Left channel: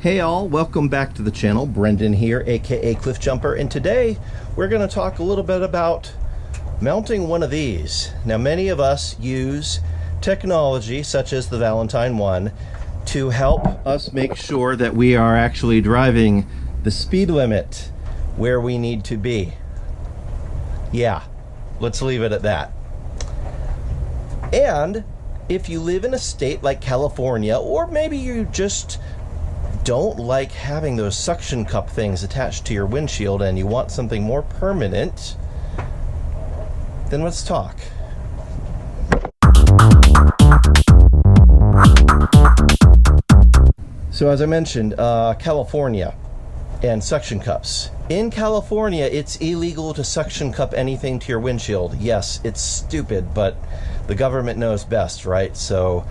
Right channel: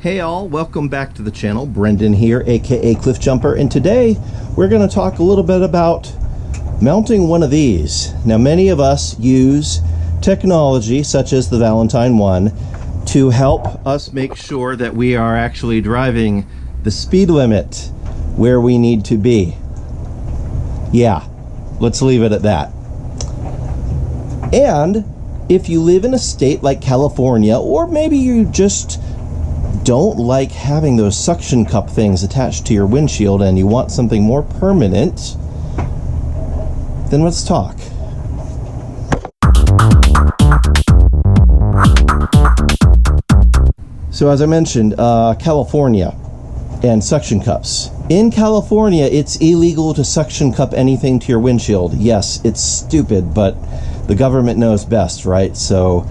Hey all, welcome back to the channel. Brendan here, aka Cliff Jumper, and today we're going to talk a little bit about mounting one of these. Now, many of us use technology such as the Valentine one to help us make sure that we are actually driving the speed limit where we need to be. Yeah, let's leave it at that. And if you live in a state like California, or maybe you just don't like having those suction cup things attached to your windshield and you want something more permanent, then let's talk. So as I mentioned, California and suction cups. In California, it's illegal to suction cup anything to your windshield. Yes, it's stupid, but the government knows best, right? So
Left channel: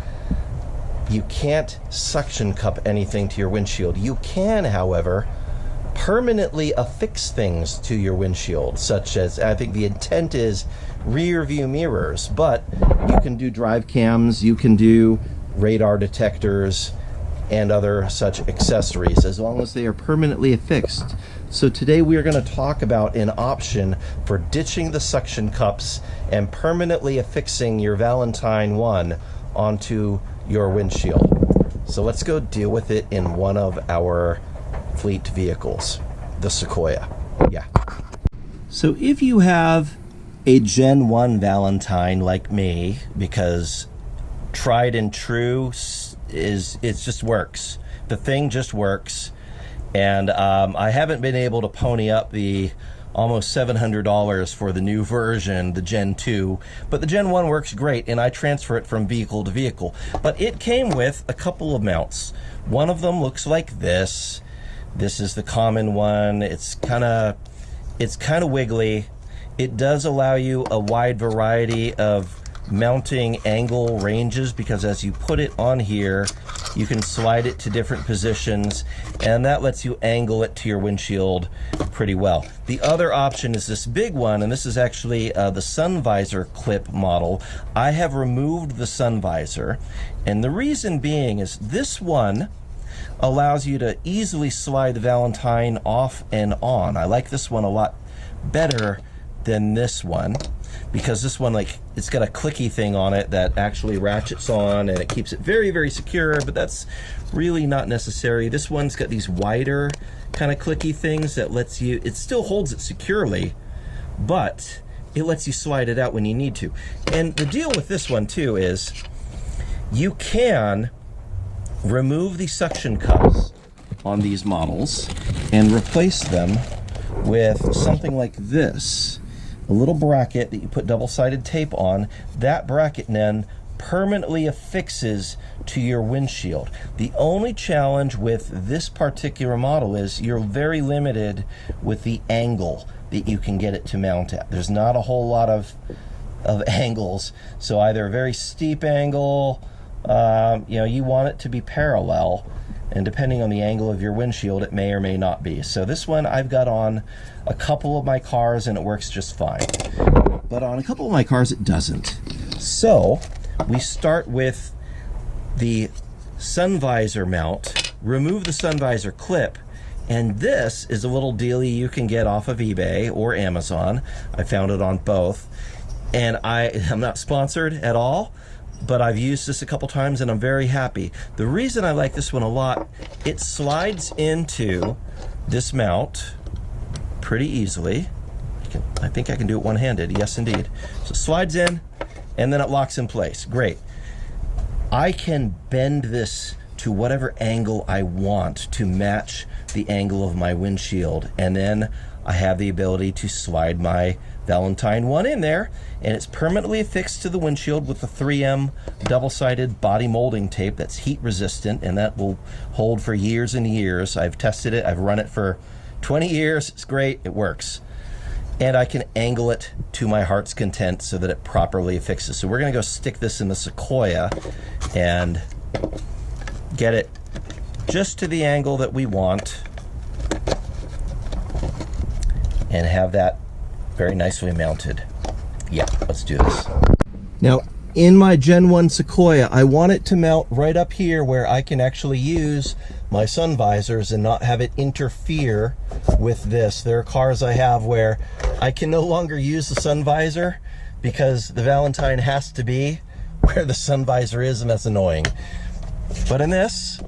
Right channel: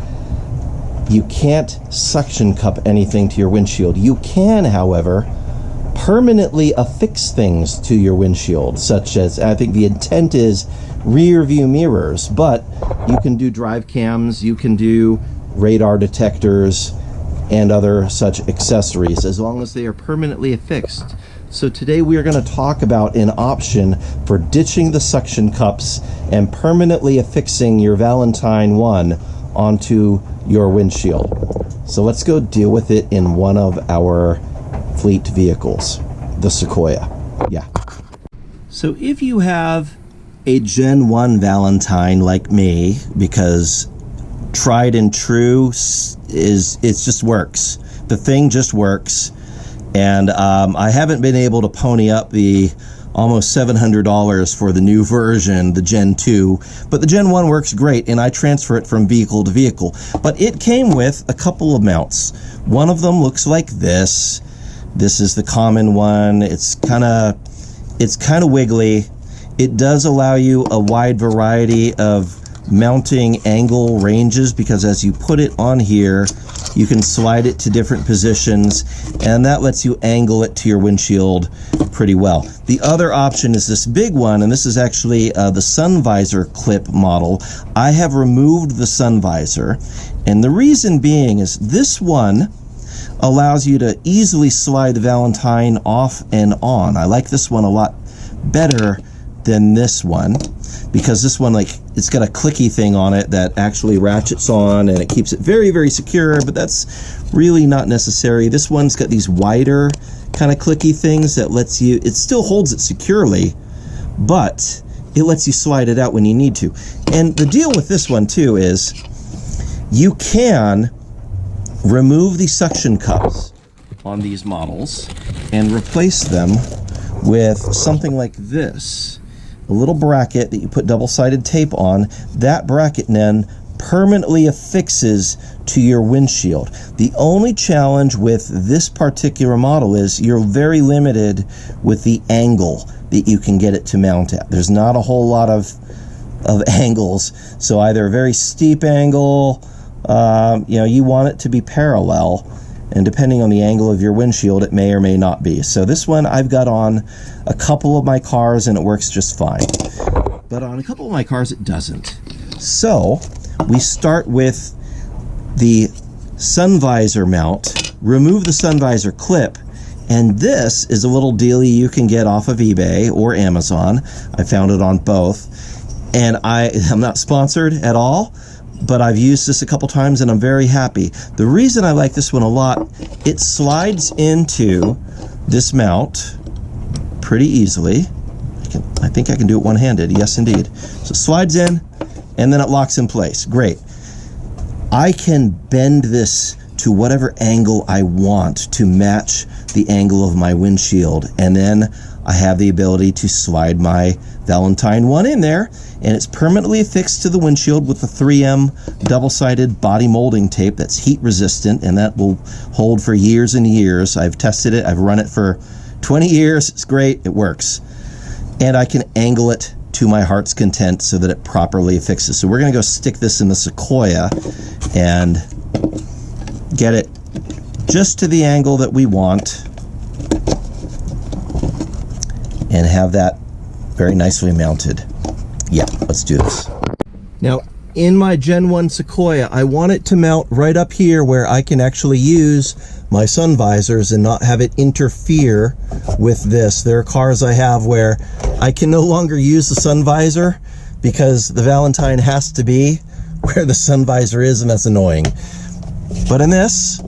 you can't suction cup anything to your windshield. You can, however, permanently affix things to your windshield, such as, I think the intent is rear view mirrors, but you can do drive cams, you can do radar detectors, and other such accessories, as long as they are permanently affixed. So today we are going to talk about an option for ditching the suction cups and permanently affixing your Valentine one onto your windshield. So let's go deal with it in one of our fleet vehicles, the Sequoia. Yeah. So if you have a Gen 1 Valentine like me, because tried and true is it just works. The thing just works. And I haven't been able to pony up the almost $700 for the new version, the Gen 2, but the Gen 1 works great, and I transfer it from vehicle to vehicle. But it came with a couple of mounts. One of them looks like this. This is the common one. It's kind of wiggly. It does allow you a wide variety of mounting angle ranges, because as you put it on here, you can slide it to different positions, and that lets you angle it to your windshield pretty well. The other option is this big one, and this is actually the sun visor clip model. I have removed the sun visor, and the reason being is this one allows you to easily slide the Valentine off and on. I like this one a lot better than this one, because this one, like, it's got a clicky thing on it that actually ratchets on and it keeps it very, very secure, but that's really not necessary. This one's got these wider kind of clicky things that lets you, it still holds it securely, but it lets you slide it out when you need to. And the deal with this one too is you can remove the suction cups on these models and replace them with something like this. A little bracket that you put double-sided tape on. That bracket then permanently affixes to your windshield. The only challenge with this particular model is you're very limited with the angle that you can get it to mount at. There's not a whole lot of angles, so either a very steep angle, you want it to be parallel, and depending on the angle of your windshield, it may or may not be. So this one I've got on a couple of my cars and it works just fine. But on a couple of my cars it doesn't. So we start with the sun visor mount, remove the sun visor clip, and this is a little dealie you can get off of eBay or Amazon. I found it on both. And I'm not sponsored at all, but I've used this a couple times and I'm very happy. The reason I like this one a lot, it slides into this mount pretty easily. I think I can do it one-handed. Yes, indeed. So it slides in and then it locks in place. Great. I can bend this to whatever angle I want to match the angle of my windshield, and then I have the ability to slide my Valentine one in there, and it's permanently affixed to the windshield with the 3M double-sided body molding tape that's heat resistant, and that will hold for years and years. I've tested it. I've run it for 20 years. It's great. It works. And I can angle it to my heart's content so that it properly affixes. So we're going to go stick this in the Sequoia and get it just to the angle that we want and have that very nicely mounted. Yeah, let's do this. Now, in my Gen 1 Sequoia, I want it to mount right up here where I can actually use my sun visors and not have it interfere with this. There are cars I have where I can no longer use the sun visor because the Valentine has to be where the sun visor is, and that's annoying. But in this,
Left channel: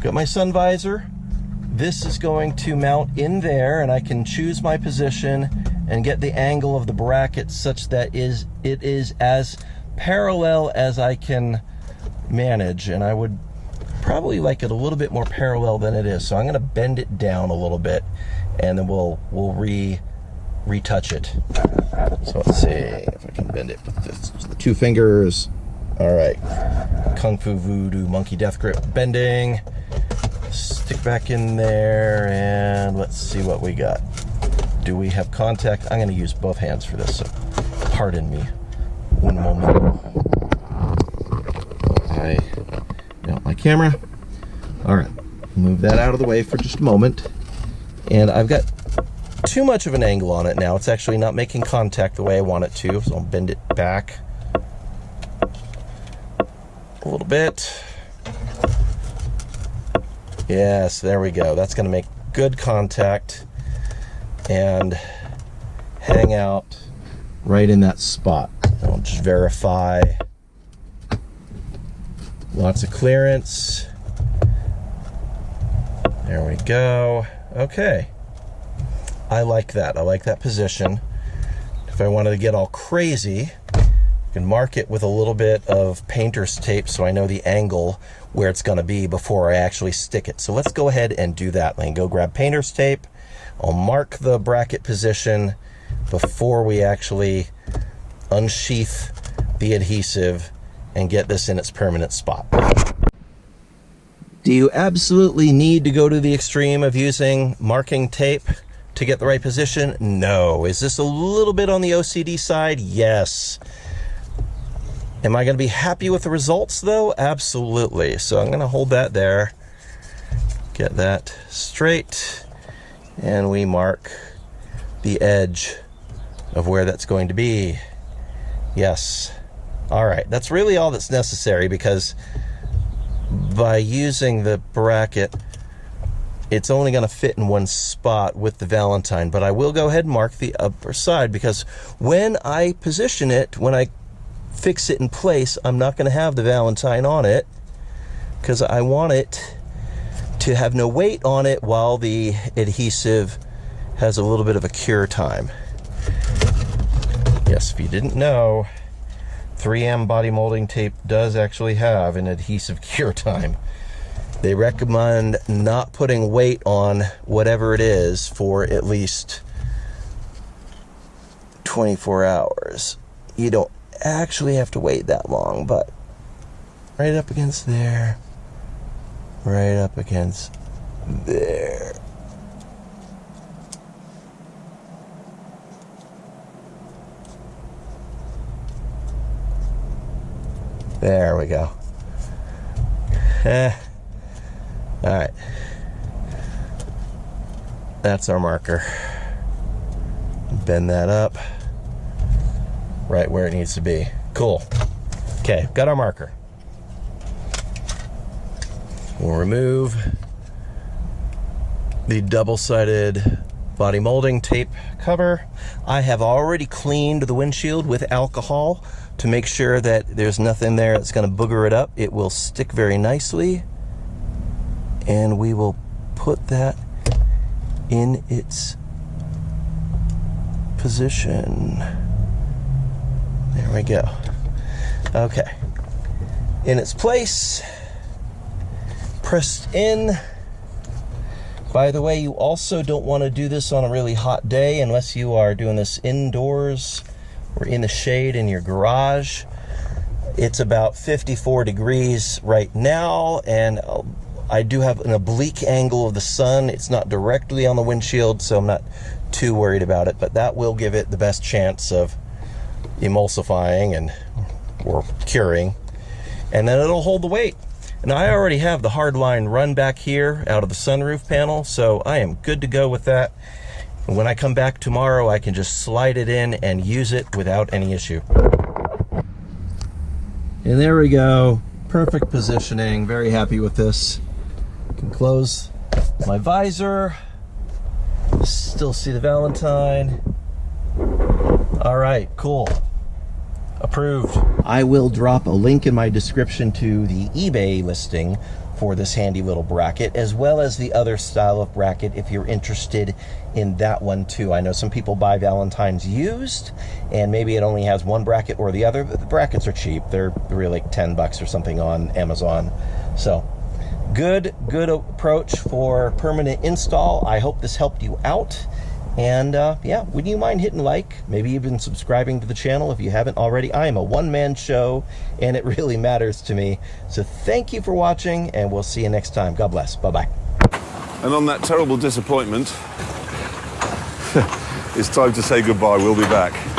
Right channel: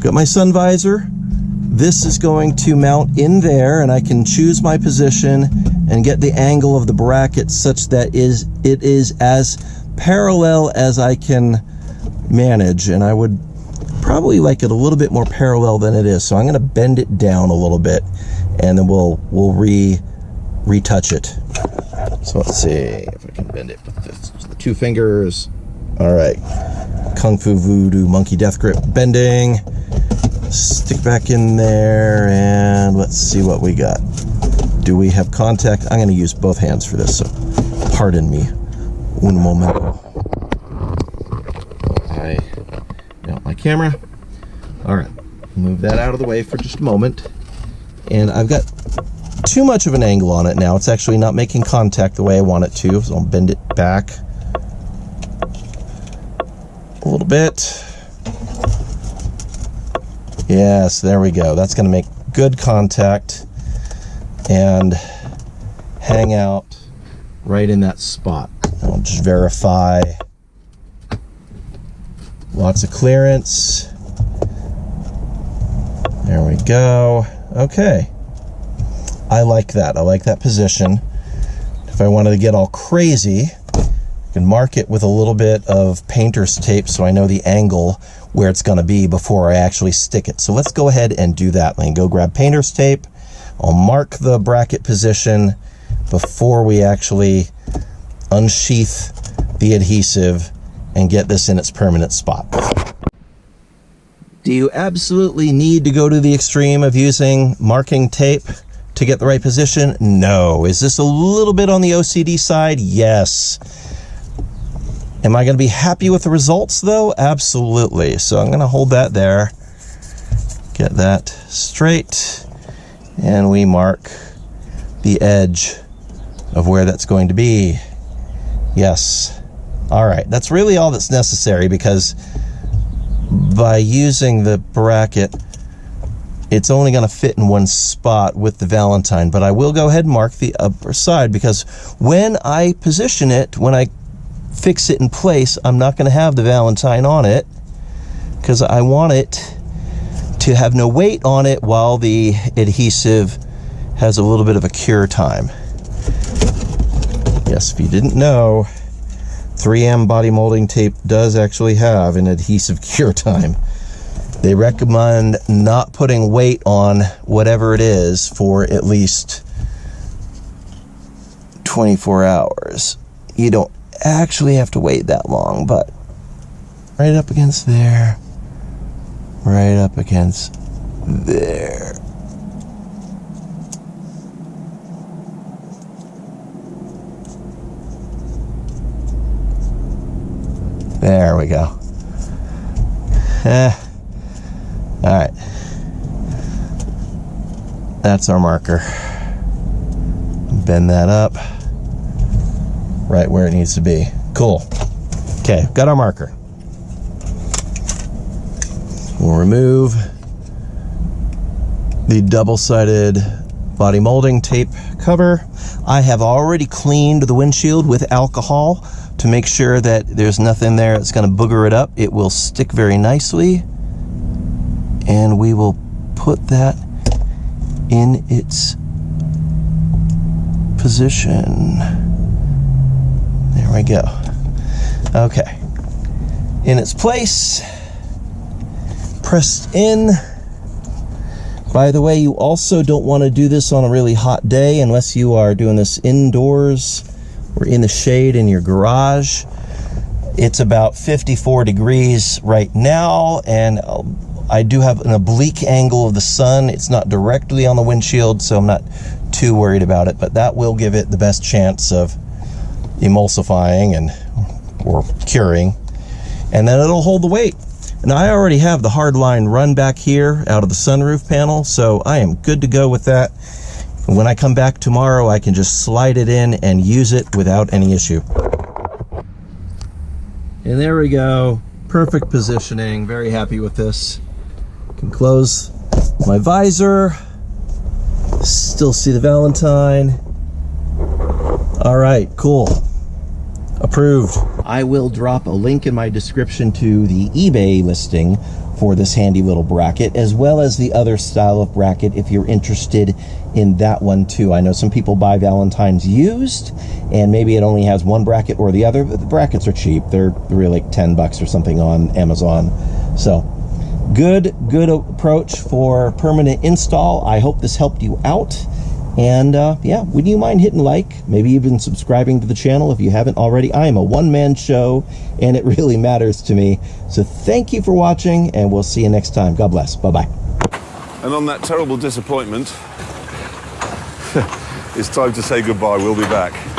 got my sun visor. This is going to mount in there, and I can choose my position and get the angle of the bracket such that it is as parallel as I can manage, and I would probably like it a little bit more parallel than it is. So I'm going to bend it down a little bit, and then we'll retouch it. So let's see if I can bend it with the 2 fingers. All right, Kung Fu Voodoo Monkey Death Grip bending. Stick back in there, and let's see what we got. Do we have contact? I'm going to use both hands for this, so pardon me. Un momento. I mount my camera. All right, move that out of the way for just a moment. And I've got too much of an angle on it now. It's actually not making contact the way I want it to, so I'll bend it back a little bit. Yes, there we go. That's going to make good contact and hang out right in that spot. I'll just verify. Lots of clearance. There we go. Okay. I like that. I like that position. If I wanted to get all crazy, I can mark it with a little bit of painter's tape so I know the angle where it's going to be before I actually stick it. So let's go ahead and do that. Let me go grab painter's tape. I'll mark the bracket position before we actually unsheath the adhesive and get this in its permanent spot. Do you absolutely need to go to the extreme of using marking tape to get the right position? No. Is this a little bit on the OCD side? Yes. Am I going to be happy with the results though? Absolutely. So I'm going to hold that there, get that straight, and we mark the edge of where that's going to be. Yes. All right. That's really all that's necessary, because by using the bracket, it's only going to fit in one spot with the Valentine, but I will go ahead and mark the upper side, because when I position it, when I fix it in place, I'm not going to have the Valentine on it, because I want it to have no weight on it while the adhesive has a little bit of a cure time. Yes, if you didn't know, 3M body molding tape does actually have an adhesive cure time. They recommend not putting weight on whatever it is for at least 24 hours. You don't actually have to wait that long, but right up against there, right up against there. There we go. All right. That's our marker. Bend that up right where it needs to be. Cool. Okay, got our marker. We'll remove the double-sided body molding tape cover. I have already cleaned the windshield with alcohol to make sure that there's nothing there that's going to booger it up. It will stick very nicely, and we will put that in its position. There we go. Okay, in its place, pressed in. By the way, you also don't want to do this on a really hot day unless you are doing this indoors or in the shade in your garage. It's about 54 degrees right now, and I do have an oblique angle of the sun. It's not directly on the windshield, so I'm not too worried about it, but that will give it the best chance of emulsifying or curing, and then it'll hold the weight. And I already have the hard line run back here out of the sunroof panel, so I am good to go with that. When I come back tomorrow, I can just slide it in and use it without any issue. And there we go. Perfect positioning. Very happy with this. can close my visor. Still see the Valentine. All right, cool. Approved. I will drop a link in my description to the eBay listing for this handy little bracket, as well as the other style of bracket if you're interested in that one too. I know some people buy Valentines used, and maybe it only has one bracket or the other, but the brackets are cheap. They're really like 10 bucks or something on Amazon. So good approach for permanent install. I hope this helped you out. And yeah, would you mind hitting like, maybe even subscribing to the channel if you haven't already? I am a one-man show, and it really matters to me. So thank you for watching, and we'll see you next time. God bless. Bye-bye. And on that terrible disappointment, it's time to say goodbye. We'll be back.